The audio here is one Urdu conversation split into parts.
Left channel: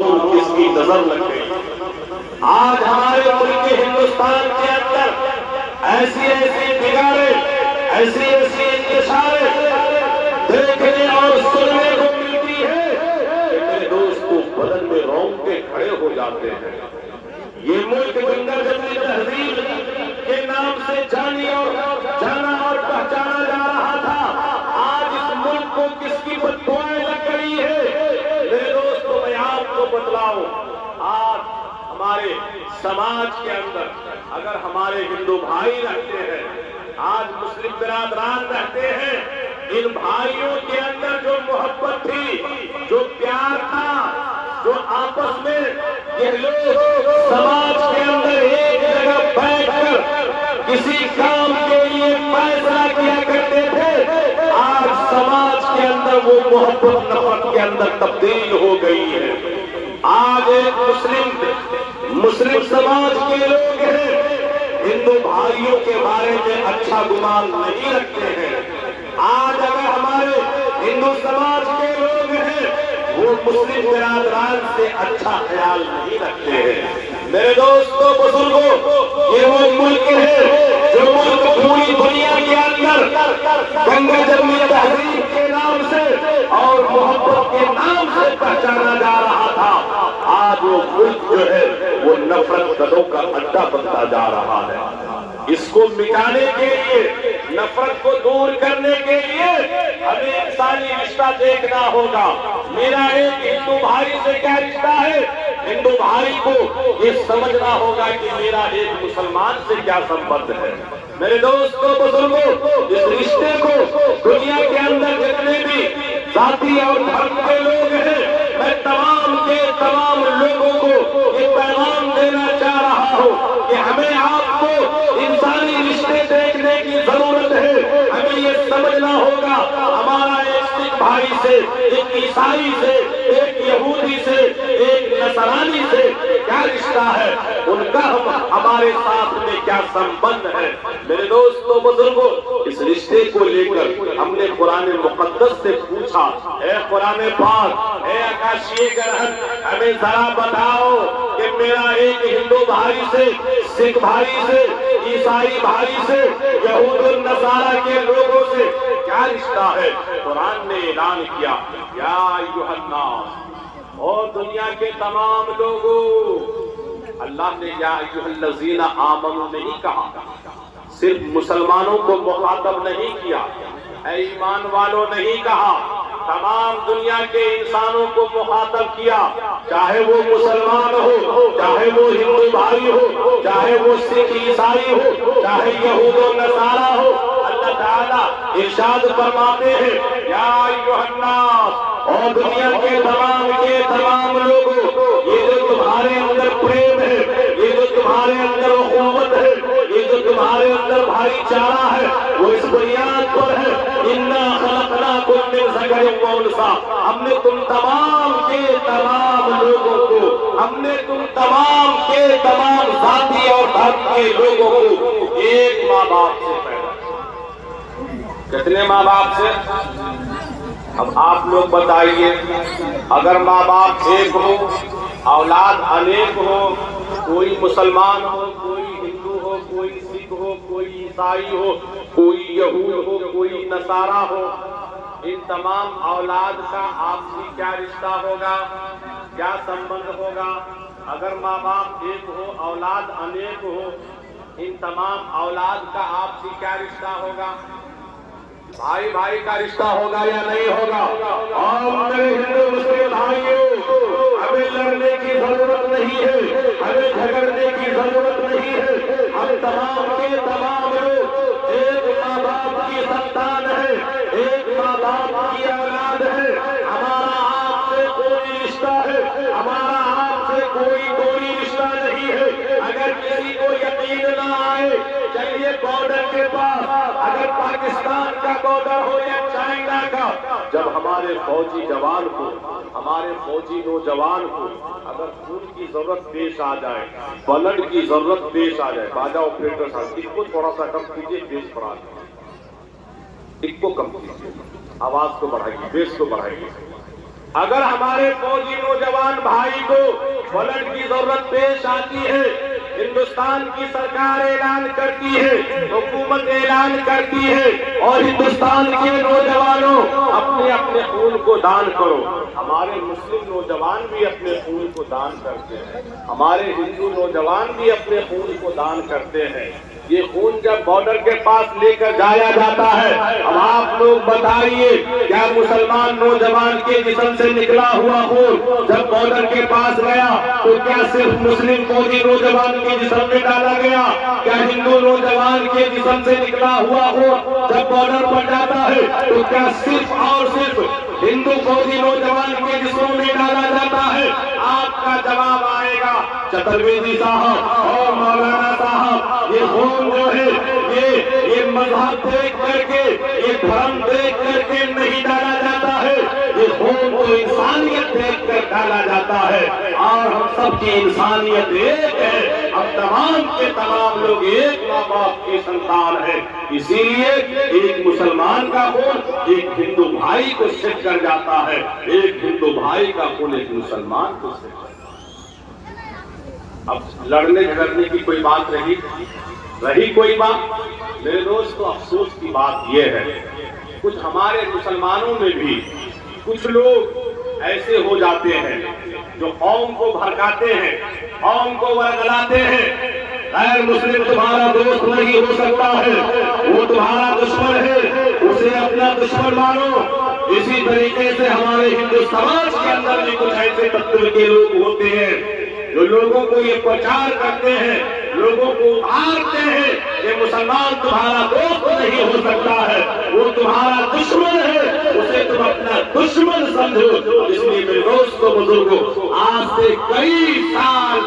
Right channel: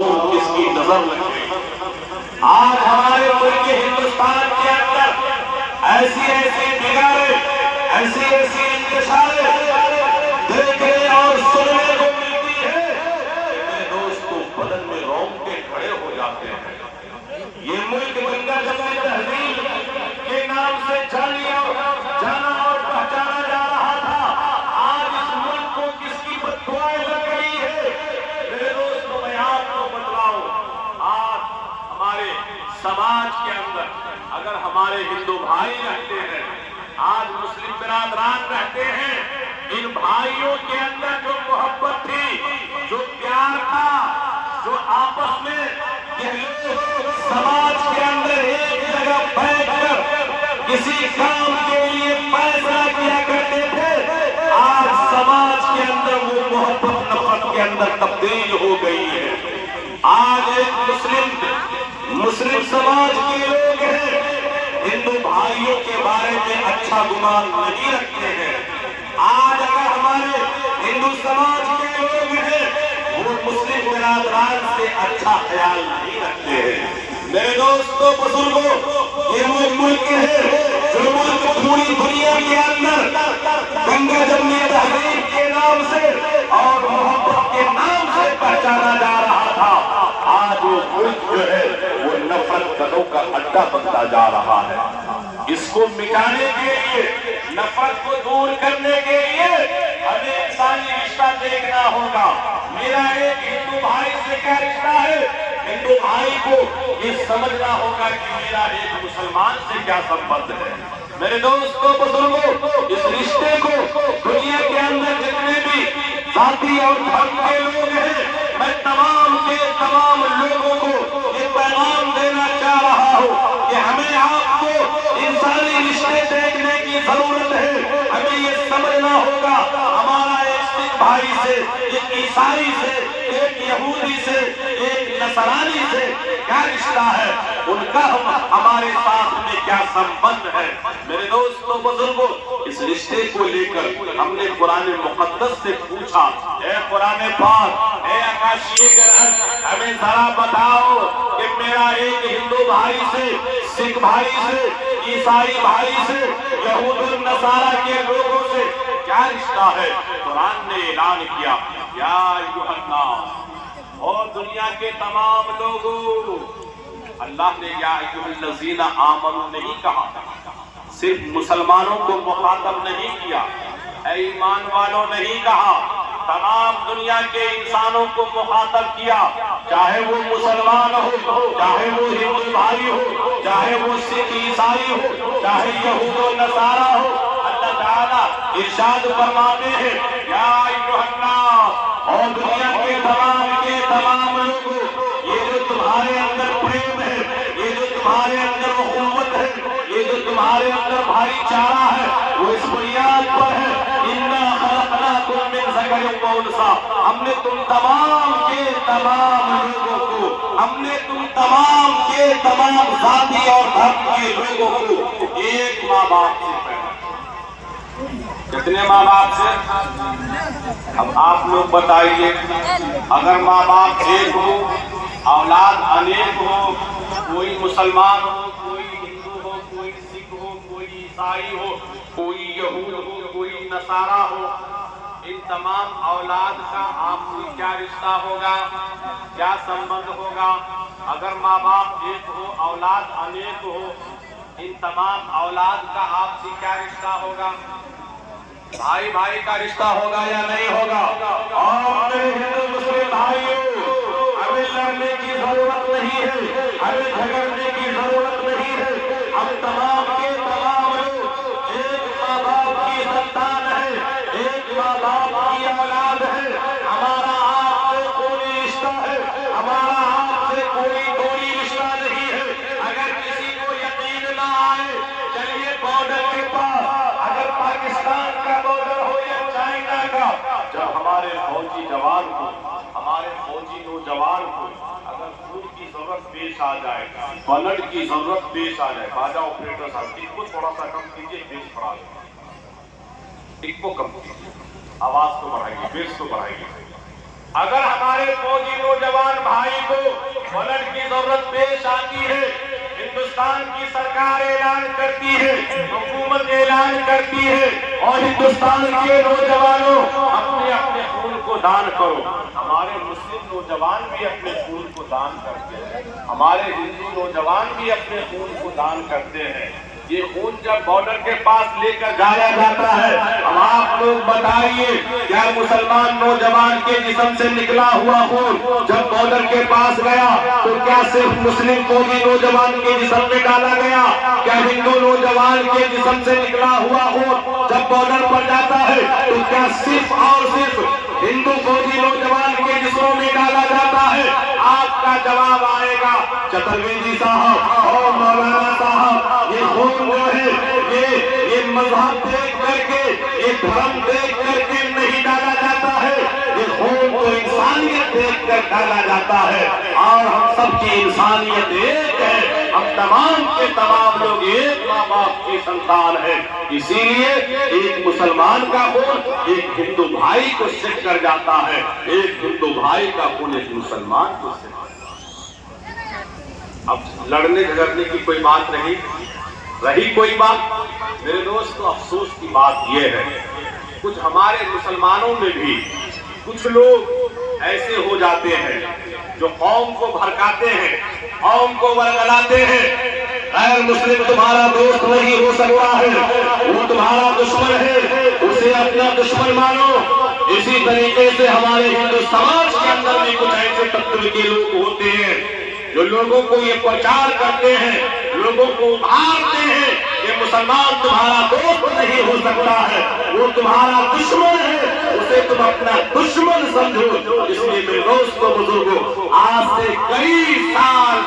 اس کی نظر لگ گئی۔ آج ہمارے ملک ہندوستان کے اندر ایسی ایسی بگاڑیں، ایسی ایسی انتشاریں دیکھنے اور سننے کو ملتی ہے کہ میرے دوستوں بدن میں رونگٹے کھڑے ہو جاتے ہیں۔ یہ ملک گنگا جمنی تہذیب کے نام سے جانا اور پہچانا جا رہا تھا، آج اس ملک کو کس کی بددعائیں لگ گئی ہے؟ میرے دوستوں میں آپ کو بتلاؤں، آج ہمارے سماج کے اندر اگر ہمارے ہندو بھائی رہتے ہیں، آج مسلم برادران رہتے ہیں، ان بھائیوں کے اندر جو محبت تھی، جو پیار تھا، جو آپس میں یہ لوگ سماج کے اندر ایک جگہ بیٹھ کر کسی کام کے لیے فیصلہ کیا کرتے تھے، آج سماج کے اندر وہ محبت نفرت کے اندر تبدیل ہو گئی ہے۔ آج ایک مسلم سماج کے لوگ ہیں، ہندو بھائیوں کے بارے میں اچھا گمان نہیں رکھتے ہیں۔ آج اگر ہمارے ہندو سماج کے لوگ ہیں، وہ مسلم برادران سے اچھا خیال نہیں رکھتے ہیں۔ میرے دوستوں بزرگوں، یہ وہ ملک ہے جو ملک پوری دنیا کے اندر گنگا جمنی تہذیب کے نام سے اور محبت کے نام سے پہچانا جا رہا تھا، آج وہ ملک جو ہے وہ نفرت زدوں کا اڈا بنتا جا رہا ہے۔ اس کو مٹانے کے لیے، نفرت کو دور کرنے کے لیے ہمیں انسانی رشتہ دیکھنا ہوگا۔ میرا ایک ہندو بھائی سے کیا رشتہ ہے، ہندو بھائی کو یہ سمجھنا ہوگا کہ میرا ایک مسلمان سے کیا سمبند ہے۔ میرے دوستوں بزرگوں، اس رشتے کو دنیا کے اندر جتنے بھی ذاتی اور دھرم کے لوگ ہیں، میں تمام کے تمام لوگوں کو یہ پیغام دینا چاہ رہا ہوں کہ ہمیں آپ کو انسانی رشتے دیکھنے کی ضرورت ہے۔ ہمیں یہ سمجھنا ہوگا ہمارا ایک سکھ بھائی سے، ایک عیسائی سے، ایک یہودی سے، ایک نصرانی سے کیا رشتہ ہے، ان کا ہمارے ساتھ میں کیا سمبند ہے۔ میرے دوستوں بزرگوں، اس رشتے کو لے کر ہم نے قرآن مقدس سے پوچھا، اے قرآن پاک، اے آکاشی گرہن، ہمیں ذرا بتاؤ کہ میرا ایک ہندو بھائی سے، سکھ بھائی سے، عیسائی بھائی سے، یہود النصارہ کے لوگوں سے کیا رشتہ ہے۔ قرآن نے اعلان کیا، یا ایھا الناس، اور دنیا کے تمام لوگوں، اللہ نے یا ایھا الذین آمنوا نہیں کہا، صرف مسلمانوں کو مخاطب نہیں کیا، اے ایمان والوں نہیں کہا، تمام دنیا کے انسانوں کو مخاطب کیا، چاہے وہ مسلمان ہو، چاہے وہ ہندو بھائی ہو، چاہے وہ سکھ عیسائی ہو، چاہے یہود و نصارہ ہو۔ اللہ تعالیٰ ارشاد فرماتے ہیں، یا ایھا الناس، اور دنیا کے تمام لوگوں، یہ جو تمہارے اندر پریم ہے، یہ جو تمہارے اندر اخوت ہے، یہ جو تمہارے اندر بھائی چارہ ہے، وہ اس بنیاد پر ہے، اِنَّا خَلَقْنَاكُم مِّن ذَكَرٍ وَأُنثىٰ، ہم نے تم تمام کے تمام لوگوں کو، ہم نے تم تمام کے تمام ذاتی اور دھرم کے لوگوں کو ایک ماں باپ سے پیدا کیا۔ کتنے ماں باپ سے؟ اب آپ لوگ بتائیے، اگر ماں باپ ایک ہو، اولاد انیک ہو، کوئی مسلمان ہو، کوئی ہندو ہو، کوئی سکھ ہو، کوئی عیسائی ہو، کوئی یہود ہو، کوئی نصارہ ہو، ان تمام اولاد کا آپسی کیا رشتہ ہوگا، کیا سمبند ہوگا؟ اگر ماں باپ ایک ہو، اولاد انیک ہو، ان تمام اولاد کا آپسی کیا رشتہ ہوگا؟ بھائی بھائی کا رشتہ ہوگا یا نہیں ہوگا؟ اور میرے ہندو مسلم بھائیوں، ہمیں لڑنے کی ضرورت نہیں ہے، ہمیں جھگڑنے کی ضرورت نہیں ہے، ہم تمام کے تمام لوگ ایک ماں باپ کی سنتان ہیں، ایک ماں باپ کی اولاد ہے۔ ہمارا آپ سے کوئی رشتہ ہے، ہمارا آپ سے کوئی دوری رشتہ نہیں ہے۔ اگر کسی کو یقین نہ آئے، چلیے بارڈر کے پاس، اگر پاکستان کا بارڈر ہو یا چائنا کا، جب ہمارے فوجی جوان کو، ہمارے فوجی نوجوان کو اگر خون کی ضرورت پیش آ جائے، بلڈ کی ضرورت پیش آ جائے، باجا آپریٹر صاحب اس کو تھوڑا سا کم کیجیے، بیس بڑھا دیں، اس کو کم کیجیے، آواز کو بڑھائیے، بیس کو بڑھائیے۔ اگر ہمارے فوجی نوجوان بھائی کو بلڈ کی ضرورت پیش آتی ہے، ہندوستان کی سرکار اعلان کرتی ہے، حکومت اعلان کرتی ہے، اور ہندوستان کے نوجوانوں اپنے اپنے خون کو دان کرو۔ ہمارے مسلم نوجوان بھی اپنے خون کو دان کرتے ہیں، ہمارے ہندو نوجوان بھی اپنے خون کو دان کرتے ہیں۔ یہ خون جب بارڈر کے پاس لے کر جایا جاتا ہے، اب آپ لوگ بتائیے کیا مسلمان نوجوان کے جسم سے نکلا ہوا خون جب بارڈر کے پاس گیا تو کیا صرف مسلم فوجی نوجوان کے جسم میں ڈالا گیا؟ کیا ہندو نوجوان کے جسم سے نکلا ہوا خون جب بارڈر پر جاتا ہے تو کیا صرف اور صرف ہندو فوجی نوجوان کے جسموں میں ڈالا جاتا ہے؟ آپ کا جواب آئے گا چترویدی صاحب اور مولانا صاحب، یہ خون جو ہے یہ مذہب دیکھ کر کے، یہ دھرم دیکھ کر کے نہیں ڈالا جاتا ہے، یہ خون کو انسانیت دیکھ کر ڈالا جاتا ہے، اور ہم سب کی انسانیت ایک ہے، ہم تمام کے تمام لوگ ایک ماں باپ کے سنتان ہیں۔ اسی لیے ایک مسلمان کا خون ایک ہندو بھائی کو سکھ کر جاتا ہے، ایک ہندو بھائی کا خون ایک مسلمان کو سکھ کر جاتا ہے۔ اب لڑنے جھگڑنے کی کوئی بات رہی کوئی بات؟ میرے دوستو، افسوس کی بات یہ ہے کچھ ہمارے مسلمانوں میں بھی کچھ لوگ ایسے ہو جاتے ہیں جو قوم کو بھڑکاتے ہیں، قوم کو ورگلاتے ہیں۔ غیر مسلم تمہارا دوست نہیں ہو سکتا ہے، وہ تمہارا دشمن ہے، اسے اپنا دشمن مانو۔ اسی طریقے سے ہمارے ہندو سماج کے اندر بھی کچھ ایسے طبقے کے لوگ ہوتے ہیں جو لوگوں کو یہ پرچار کرتے ہیں، لوگوں کو ابھارتے ہیں کہ مسلمان تمہارا دوست نہیں ہو سکتا ہے، وہ تمہارا دشمن ہے، اسے تم اپنا دشمن سمجھو۔ اس لیے میرے دوستوں بزرگوں، آج سے کئی سال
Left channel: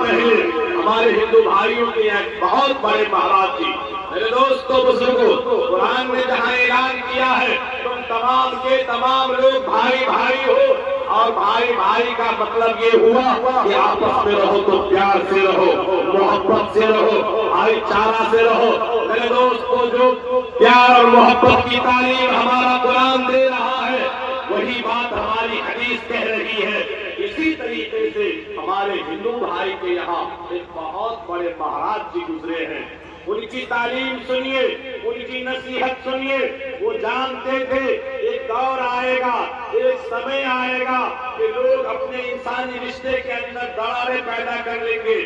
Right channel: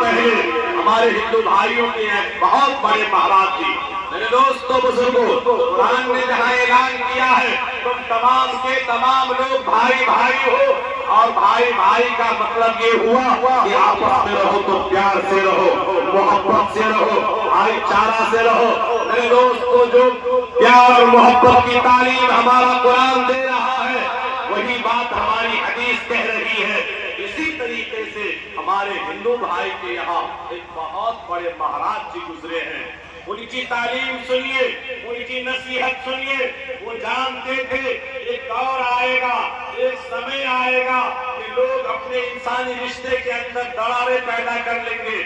پہلے ہمارے ہندو بھائیوں کے بہت بڑے مہاراج جی، میرے دوستوں بزرگوں، قرآن نے جہاں اعلان کیا ہے تم تمام کے تمام لوگ بھائی بھائی ہو، اور بھائی بھائی کا مطلب یہ ہوا کہ آپس میں رہو تو پیار سے رہو، محبت سے رہو، بھائی چارہ سے رہو۔ میرے دوستوں، جو پیار اور محبت کی تعلیم ہمارا قرآن دے رہا ہے وہی بات ہماری حدیث کہہ رہی ہے۔ اسی طریقے سے ہمارے ہندو بھائی کے یہاں ایک بہت بڑے مہاراج جی گزرے ہیں، ان کی تعلیم سنیے، ان کی نصیحت سنیے۔ وہ جانتے تھے ایک دور آئے گا، ایک سمے آئے گا کہ لوگ اپنے انسانی رشتے کے اندر دراڑیں پیدا کر لیں گے،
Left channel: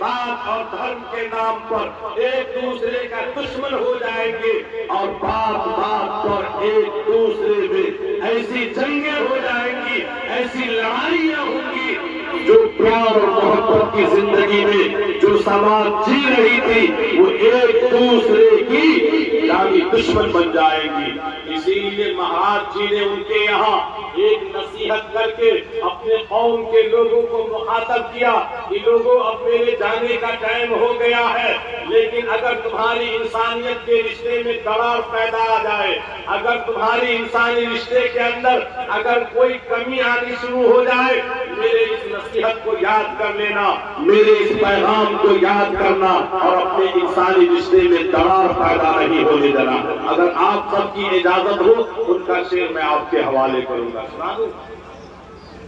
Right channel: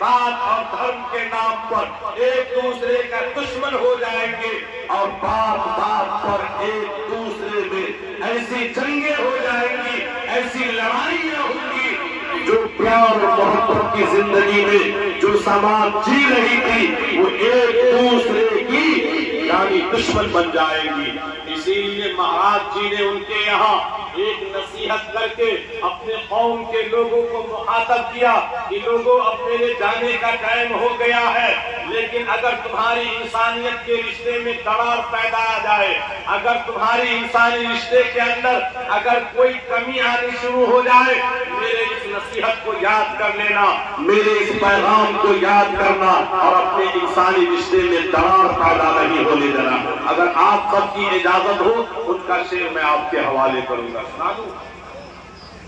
ذات اور دھرم کے نام پر ایک دوسرے کا دشمن ہو جائیں گے، اور بات بات پر ایک دوسرے میں ایسی جنگیں ہو جائیں گی، ایسی لڑائیاں ہوں گی جو پیار اور محبت کی زندگی میں جو سماج جی رہی تھی وہ ایک دوسرے کی یعنی دشمن بن جائے گی۔ اسی لیے مہاراج جی نے ان کے یہاں ایک نصیحت کر کے اپنے قوم کے لوگوں کو مخاطب کیا کہ لوگوں، اب میرے جانے کا ٹائم ہو گیا ہے، لیکن اگر تمہاری انسانیت کے رشتے میں دراڑ پیدا آ جائے، اگر تمہاری انسانی رشتے کے اندر اگر کوئی کمی آنی شروع ہو جائے، میرے اس نصیحت کو یاد کر لینا، میرے اس پیغام کو یاد کرنا، اور اپنے انسانی رشتے میں دراڑ پیدا نہیں ہونے دینا۔ اگر آپ سب کی اجازت ہو ان کا شعر میں آپ کے حوالے کروں گا، سنا دوں۔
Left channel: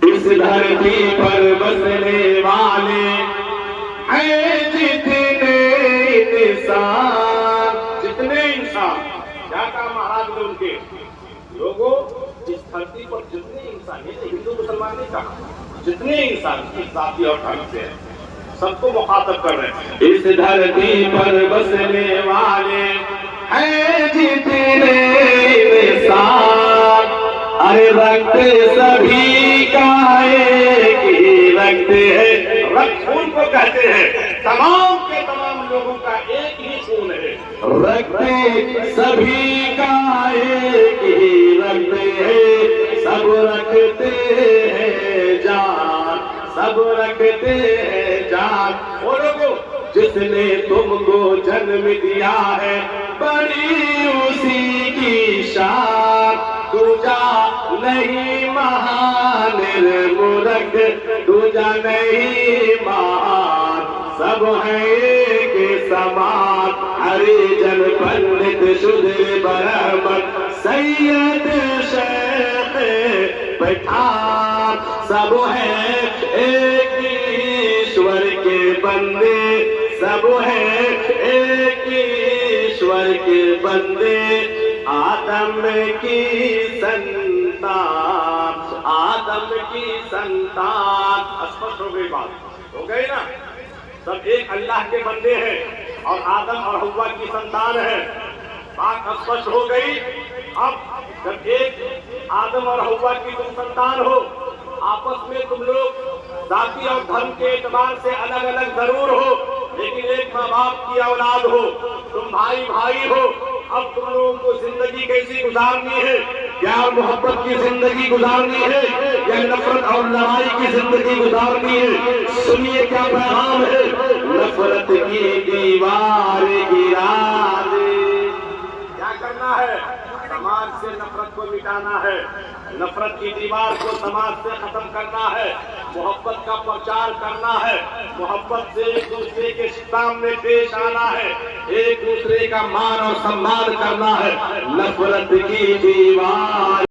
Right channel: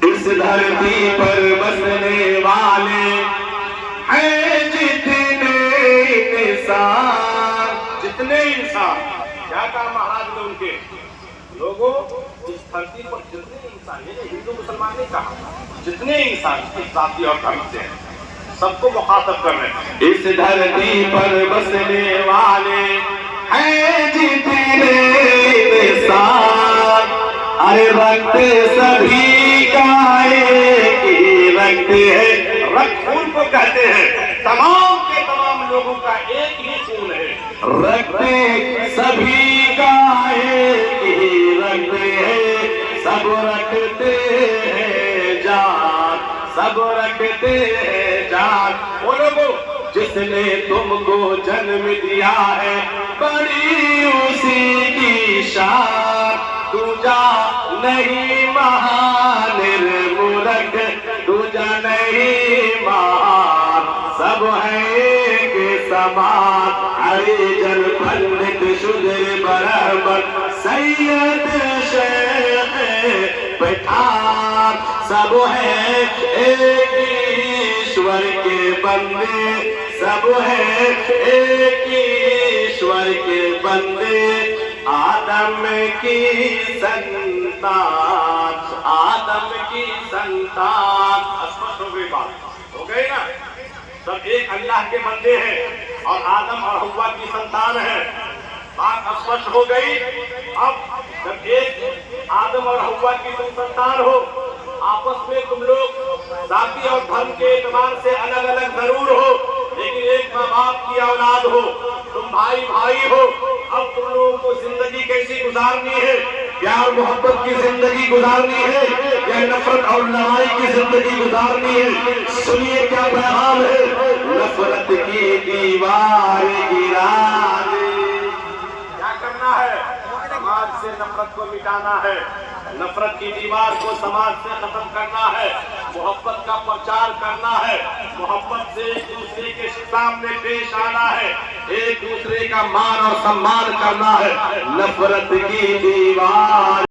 اس دھرتی پر بسنے والے ہیں جتنے انسان، کیا کہا مہاراج نے ان کے لوگوں، اس دھرتی پر جتنے انسان، یہ ہندو مسلمان نہیں کہا، جتنے انسان اس ذاتی اور دھرم سے ہیں سب کو مخاطب کر رہے ہیں۔ اس دھرتی پر بسنے والے ہیں جتنے انسان، ارے رکھت سبھی کا ایک ہی رکھت ہے، رکت خون کو کہتے ہیں، تمام کے تمام لوگوں کا ایک ہی خون ہے، رکھت سبھی کا ایک ہی رکت ہے، سب رکھتے ہیں جان، سب رکھتے ہیں جان۔ وہ لوگوں جس نے تم کو جنم دیا ہے بڑی اسی کی شان، دوجا نہیں مہان مرگ، دوجا نہیں مہان، سب ہے ایک سا جماعت ہریجن پنڈت شودر برہمن سید شیخ پٹھان سب ہیں ایک ایشور کے بندے سب ہیں ایک ایشور کے بندے آدم کی سنتان آدم کی سنتان اسپشٹ ہو گئی بات ہو گئی نا سب ایک اللہ کے بندے ہیں اور آدم اور حوا کی سنتان ہے بات اسپشٹ ہو گئی اب جب ایک آدم اور حوا کی تم سنتان ہو آپس میں تم لوگ ذاتی اور دھرم کے اعتبار سے الگ الگ ضرور ہو لیکن ایک ماں باپ کی اولاد ہو تم بھائی بھائی ہو اب تم لوگوں کو زندگی کیسی گزارنی ہے پیار محبت کی زندگی گزارنی ہے یا نفرت اور لڑائی کی زندگی گزارنی ہے سنیے کیا پیغام ہے نفرت کی دیوار گرا دے کیا کرنا ہے سماج سے نفرت کو مٹانا ہے نفرت کی دیوار کو سماج سے ختم کرنا ہے محبت کا پرچار کرنا ہے محبت سے ایک دوسرے کے سامنے پیش آنا ہے ایک دوسرے کا مان اور سمان کرنا ہے نفرت کی دیوار